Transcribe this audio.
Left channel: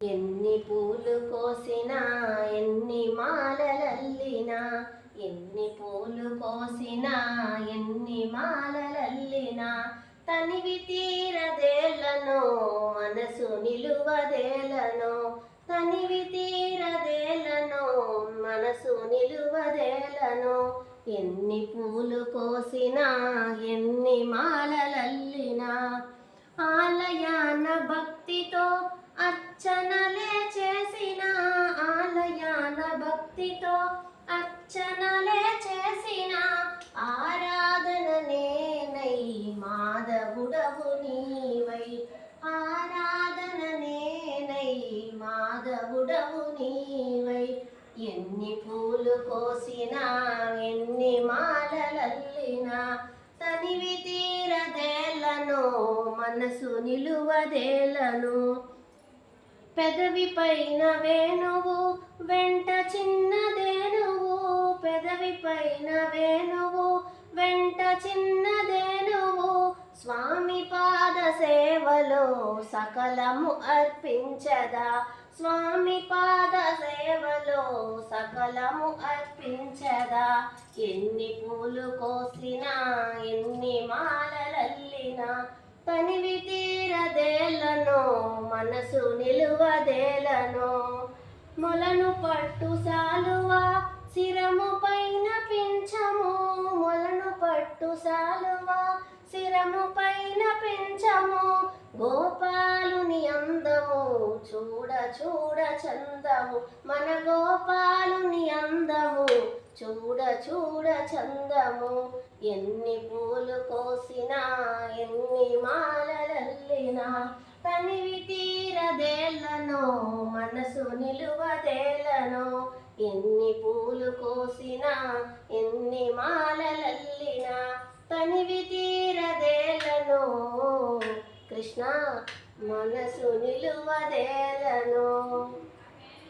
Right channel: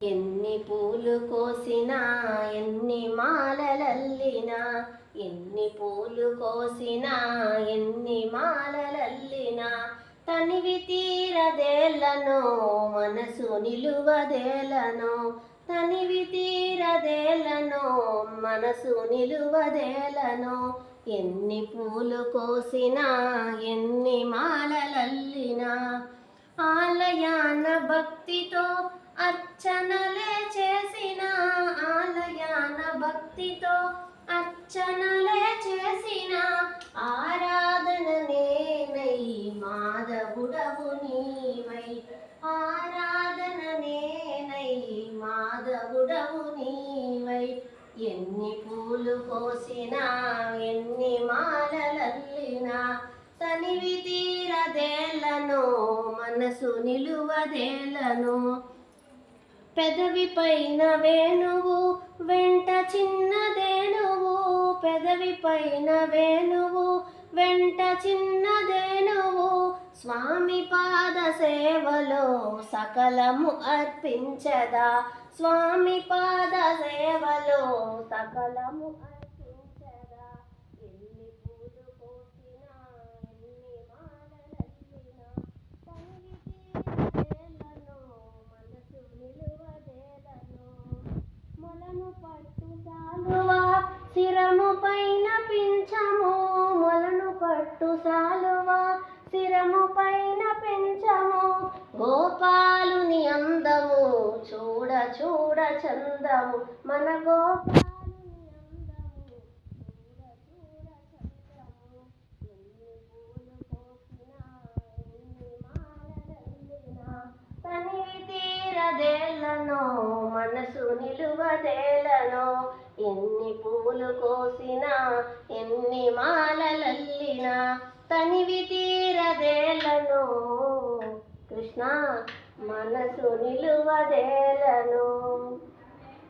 ఎన్ని పూలు కోసినా ఎన్ని మాలలల్లినా, ఎన్ని పూలు కోసినా ఎన్ని మాలలల్లినా, తనివి తీరదేలను మనసు నిలువదేలను, తనివి తీరదేలను మనసు నిలువదేలను. ఎన్ని పూలు కోసినా ఎన్ని మాలలల్లినా, ఆలయాన భక్తితో అర్చనలే చేసిన, ఆలయాన భక్తితో అర్చనలే చేసిన, ఆరాధన నేనై మాధవుడవు నీవై, ఆరాధన నేనై మాధవుడవు నీవై. ఎన్ని పూలు కోసినా ఎన్ని మాలలల్లినా, తనివి తీరదేలను మనసు నిలువదేలను. పెదవి పైన వేణువు వెంట చిన్నదేనువు, పెదవి పైన వేణువు వెంట చిన్నదేనువు, స్వామి పాద సేవలో సకలము అర్పించదా, స్వామి పాద సేవలో సకలము అర్పించదా. ఎన్ని పూలు కోసినా ఎన్ని మాలలల్లినా, తనివి తీరదేలను మనసు నిలువదేలను. మొలను పట్టు సాలువా శిరము పైన పించము, మొలను పట్టు సాలువా శిరము పైన పెంచము, గోపాలుని అందము చూడ చూడ చందము, మన గోపాలుని అందము చూడ చూడ చందము. ఎన్ని పూలు కోసినా ఎన్ని మాలలల్లినా, తనివి తీరదేలను మనసు నిలువదేలను. ఎన్ని పూలు కోసినా ఎన్ని మాలలల్లినా, తనివి తీరదేలను కృష్ణ మనసు నిలువదేలను.